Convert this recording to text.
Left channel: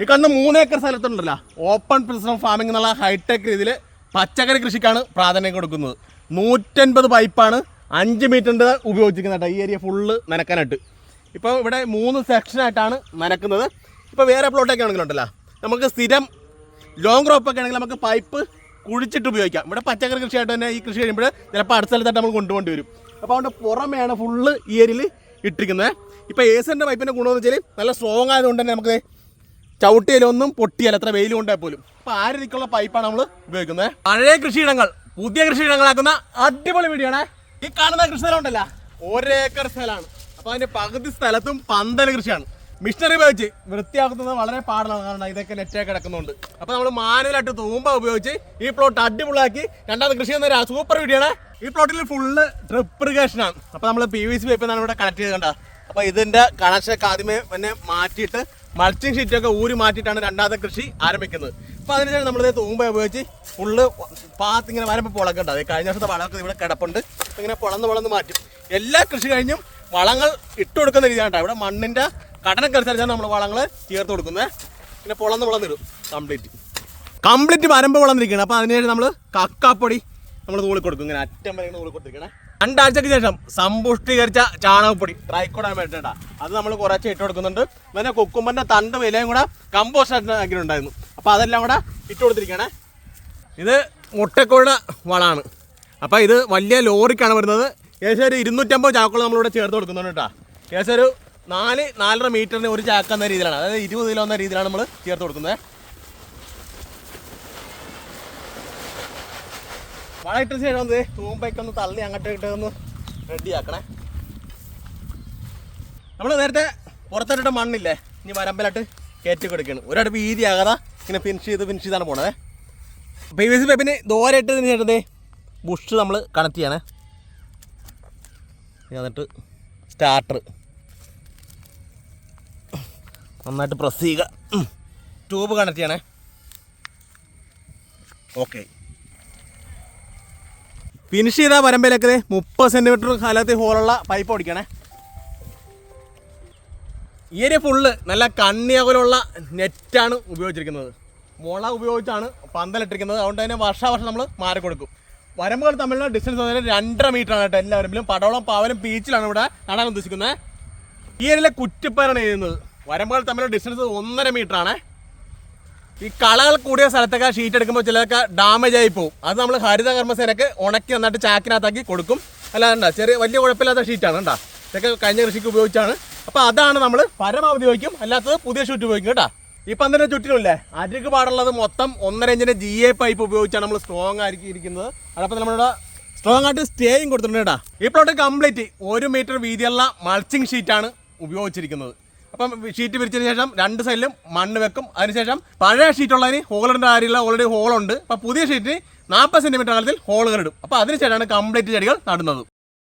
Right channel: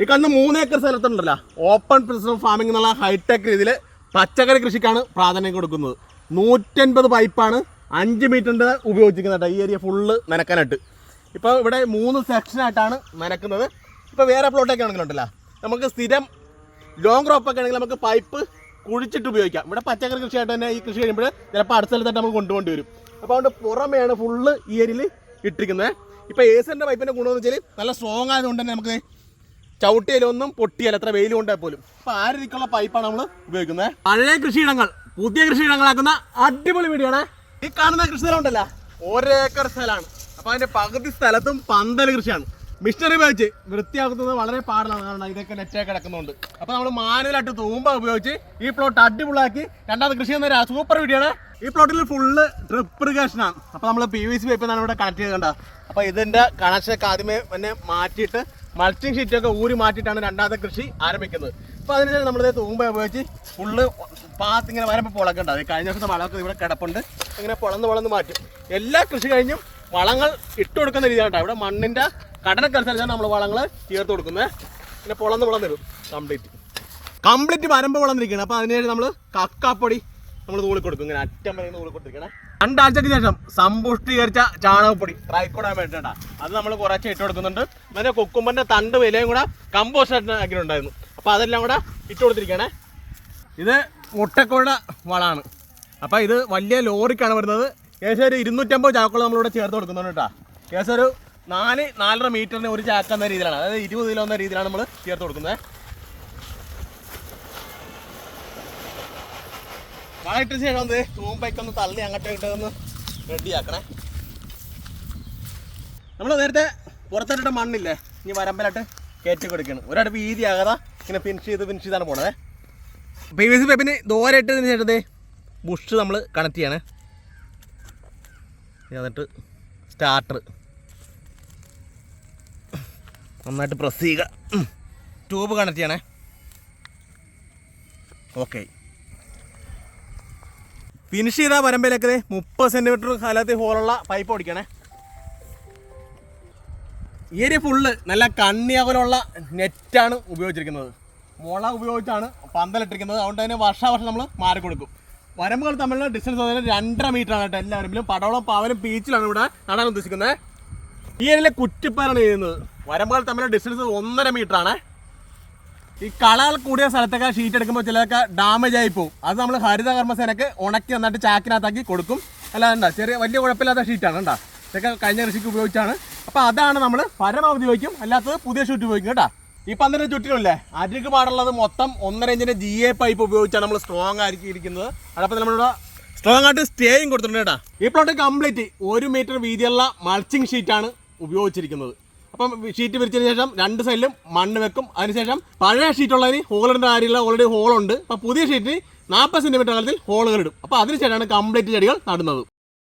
ഈ കണ്ട മൂന്ന് ഏക്കർ സ്ഥലത്തുണ്ടല്ലോ. ഓപ്പൺ പ്രിസം ഫാമിംഗ് എന്നുള്ള ഹൈടെക് രീതിയിൽ പച്ചക്കറി കൃഷിക്കാണ് പ്രാധാന്യം കൊടുക്കുന്നത്. നൂറ്റൻപത് പൈപ്പാണ് അഞ്ച് മീറ്ററിന്റെ ഉപയോഗിച്ചിരിക്കുന്നത് കേട്ടോ. ഈ ഏരിയ ഫുള്ള് നനക്കാനായിട്ട്. ഇപ്പോൾ ഇവിടെ മൂന്ന് സെക്ഷനായിട്ടാണ് നനക്കുന്നത്. ഇപ്പോൾ വേറെ പ്ലോട്ടൊക്കെ ആണെങ്കിലുണ്ടല്ലോ നമുക്ക് സ്ഥിരം ലോങ് ക്രോപ്പ് ഒക്കെ ആണെങ്കിൽ നമുക്ക് പൈപ്പ് കുഴിച്ചിട്ട് ഉപയോഗിക്കാം. ഇവിടെ പച്ചക്കറി കൃഷിയായിട്ട് തന്നെ ഈ കൃഷി കഴിയുമ്പോൾ ചിലപ്പോൾ അടുത്ത സ്ഥലത്തായിട്ട് നമ്മൾ കൊണ്ടുപോകേണ്ടി വരും. അപ്പോൾ അതുകൊണ്ട് പുറമെയാണ് ഫുള്ള് ഈ ഏരിയയിൽ ഇട്ടിരിക്കുന്നത്. ഇപ്പോൾ ഏസിന്റെ പൈപ്പിന്റെ ഗുണമെന്ന് വെച്ചാൽ നല്ല സ്ട്രോങ് ആയതുകൊണ്ട് തന്നെ നമുക്ക് ചവിട്ടിയിലൊന്നും പൊട്ടിയാലും? എത്ര വെയിൽ കൊണ്ടാൽ പോലും. അപ്പൊ ആ രീതിക്കുള്ള പൈപ്പാണ് നമ്മൾ ഉപയോഗിക്കുന്നത്? പഴയ കൃഷിയിടങ്ങൾ പുതിയ കൃഷിയിടങ്ങളാക്കുന്ന അടിപൊളി വീഡിയോ ഈ കാണുന്ന കൃഷി ഉണ്ടല്ലോ. ഒരേക്കർ സ്ഥലമാണ്. അപ്പൊ അതിന്റെ പകുതി സ്ഥലത്തും പന്തൽ കൃഷിയാണ്. മിഷനറി ഉപയോഗിച്ച് വൃത്തിയാക്കുന്നത് വളരെ പാടാണ് കാരണം ഇതൊക്കെ നെറ്റായി കിടക്കുന്നുണ്ട്. അപ്പോൾ നമ്മൾ മാനുവലായിട്ട് തൂമ്പ ഉപയോഗിച്ച് ഈ പ്ലോട്ട് അടിപൊളിയാക്കി രണ്ടാമത് കൃഷി എന്ന സൂപ്പർ വീഡിയോ ആണ്. ഈ പ്ലോട്ടിൽ ഫുള്ള് ഡ്രിപ്പ് ഇറിഗേഷനാണ് അപ്പോൾ നമ്മൾ പി വി സി പൈപ്പ് ഇവിടെ കണക്ട് ചെയ്ത് കണ്ട അപ്പോൾ ഇതിന്റെ കണക്ഷനൊക്കെ ആദ്യമേ തന്നെ മാറ്റിയിട്ട് മൾച്ചിങ് ഷീറ്റൊക്കെ ഊരി മാറ്റിയിട്ടാണ് രണ്ടാമത്തെ കൃഷി ആരംഭിക്കുന്നത്. അപ്പോൾ അതിനുശേഷം നമ്മൾ തൂമ്പ ഉപയോഗിച്ച് ഫുള്ള് പാത്ത് ഇങ്ങനെ വരുമ്പോൾ പുളൊക്കെ ഉണ്ട് കഴിഞ്ഞ വർഷത്തെ വളമൊക്കെ ഇവിടെ കിടപ്പുണ്ട്. ഇങ്ങനെ പുളന്ന് പുളന്ന് മാറ്റും. എല്ലാ കൃഷി കഴിഞ്ഞും വളങ്ങൾ ഇട്ട് കൊടുക്കുന്ന രീതിയാണ് ഇവിടെ മണ്ണിന്റെ ഘടനക്കനുസരിച്ചാണ് നമ്മൾ വളങ്ങൾ ചേർത്ത് കൊടുക്കുന്നത്. പൊളന്ന് പുളന്ന് തരും കംപ്ലീറ്റ് കംപ്ലീറ്റ് വരമ്പ് വളർന്നിരിക്കുകയാണ് അപ്പോൾ അതിനുശേഷം നമ്മൾ കക്കാപ്പൊടി നമ്മൾ തൂളി കൊടുക്കും. ഇങ്ങനെ അറ്റം വരെ തൂളി കൊടുത്തിരിക്കണം രണ്ടാഴ്ചക്ക് ശേഷം സമ്പുഷ്ടീകരിച്ച ചാണകപ്പൊടി ട്രൈക്കോടാൻ വേണ്ടിട്ടാ. അത് നമ്മൾ കുറച്ച് ഇട്ട് കൊടുക്കുന്നുണ്ട്. പിന്നെ കുക്കുമ്പറിന്റെ തണ്ട് വിലയും കൂടെ കമ്പോസ്റ്റ് ആക്കിയിട്ടുണ്ടായിരുന്നു. അപ്പോൾ അതെല്ലാം കൂടെ ഇട്ട് കൊടുത്തിരിക്കണേ ഇത് മുട്ടക്കോഴ വളമാണ്. അപ്പോൾ ഇത് വലിയ ലോറിക്കാണ് വരുന്നത്. ഏകദേശം ഒരു ഇരുന്നൂറ്റമ്പത് ചാക്കുകൾ നമ്മളിവിടെ ചേർത്ത് കൊടുക്കുന്നുണ്ട് കേട്ടോ. ഏകദേശം ഒരു നാല് നാലര മീറ്ററിന് ഒരു ചാക്ക് എന്ന രീതിയിലാണ്. അതായത് ഇരുപത് കിലോ എന്ന രീതിയിലാണ് നമ്മൾ ചേർത്ത് കൊടുക്കുന്നത്. വളമിട്ട ശേഷം ഒന്ന് തൂമ്പയ്ക്ക് ഒന്ന് തള്ളി അങ്ങോട്ട് ഇട്ട് ഒന്ന് റെഡിയാക്കണേ. നമ്മൾ നേരത്തെ പുറത്തിട്ടിട്ട മണ്ണില്ലേ? ഇനി വരമ്പലായിട്ട് കയറ്റി കൊടുക്കണം. ഒരാട് വീതി ആകാതെ ഇങ്ങനെ ഫിനിഷ് ചെയ്ത് ഫിനിഷ് ചെയ്താണ് പോണത്. പി വി സി പൈപ്പിന് ദോരെ ഇട്ടതിന് ശേഷം ബുഷ് നമ്മൾ കണക്ട് ചെയ്യണേ. എന്നിട്ട് സ്റ്റാർട്ടർ നന്നായിട്ട് പ്രസ് ചെയ്യുക. ട്യൂബ് കണക്ട് ചെയ്യണേ ഓക്കെ. ഫിനിഷ് ചെയ്ത വരമ്പയിലേക്ക് ദേ മുപ്പത് സെന്റിമീറ്റർ കാലത്ത് ഹോളുള്ള പൈപ്പ് ഓടിക്കണേ. ഈ ഒരു ഫുള്ള് നല്ല കണ്ണിയകലുള്ള നെറ്റാണ് ഉപയോഗിച്ചിരിക്കുന്നത്. മുള ഉപയോഗിച്ചാണ് പന്തലിട്ടിരിക്കുന്നത് അതുകൊണ്ട് തന്നെ വർഷാവർഷം നമ്മൾ മാറി കൊടുക്കും. വരമ്പുകൾ തമ്മിലുള്ള ഡിസ്റ്റൻസ് പറഞ്ഞാൽ രണ്ടര മീറ്റർ ആണ് കേട്ടോ എല്ലാവരും. പടവളം പാവലും ബീച്ചിലാണ് ഇവിടെ നടാൻ ഉദ്ദേശിക്കുന്നത്. ഈ ഏരിയയിലെ കുറ്റിപ്പാറാണ് ചെയ്യുന്നത്. വരമ്പുകൾ തമ്മിലുള്ള ഡിസ്റ്റൻസ് ഒന്നര മീറ്റർ ആണ്. ഈ കളകൾ കൂടിയ സ്ഥലത്തൊക്കെ ഷീറ്റ് എടുക്കുമ്പോൾ ചിലതൊക്കെ ഡാമേജ് ആയി പോകും അത് നമ്മൾ ഹരിത കർമ്മസേനക്ക് ഉണക്കി നന്നായിട്ട് ചാക്കിനകത്താക്കി കൊടുക്കും. അല്ലാതെ ചെറിയ വലിയ കുഴപ്പമില്ലാത്ത ഷീറ്റാണ് ഉണ്ടാ ഇതൊക്കെ കഴിഞ്ഞ കൃഷിക്ക് ഉപയോഗിച്ചാണ്. അപ്പോൾ അതാണ് നമ്മൾ പരമാവധി ഉപയോഗിക്കും. അല്ലാത്തത് പുതിയ ഷീറ്റ് ഉപയോഗിക്കും കേട്ടോ. ഈ പന്തിന്റെ ചുറ്റിലല്ലേ അരിക്ക് പാടുള്ളത് മൊത്തം ഒന്നര ഇഞ്ചിന്റെ ജി എ പൈപ്പ് ഉപയോഗിച്ചാണ് നമ്മൾ സ്ട്രോങ് ആയിരിക്കുന്നത് അതപ്പോൾ നമ്മളിവിടെ സ്ട്രോങ് ആയിട്ട് സ്റ്റേയും കൊടുത്തിട്ടുണ്ട് കേട്ടോ. ഈ പ്ലോട്ട് കംപ്ലീറ്റ് ഒരു മീറ്റർ വീതിയുള്ള മൾച്ചിങ് ഷീറ്റാണ് ഉപയോഗിച്ചിരിക്കുന്നത്. അപ്പം ഷീറ്റ് പിരിച്ചതിന് ശേഷം രണ്ട് സൈഡിലും മണ്ണ് വെക്കും. അതിനുശേഷം പഴയ ഷീറ്റുള്ളതിന് ഹോളിന്റെ കാര്യമില്ല. ഓൾറെഡി ഹോളുണ്ട് അപ്പോൾ പുതിയ ഷീറ്റിന് നാൽപ്പത് സെന്റിമീറ്റർ അകലത്തിൽ ഹോളുകൾ ഇടും. അപ്പോൾ അതിനുശേഷമാണ് കംപ്ലീറ്റ് ചെടികൾ നടുന്നത്.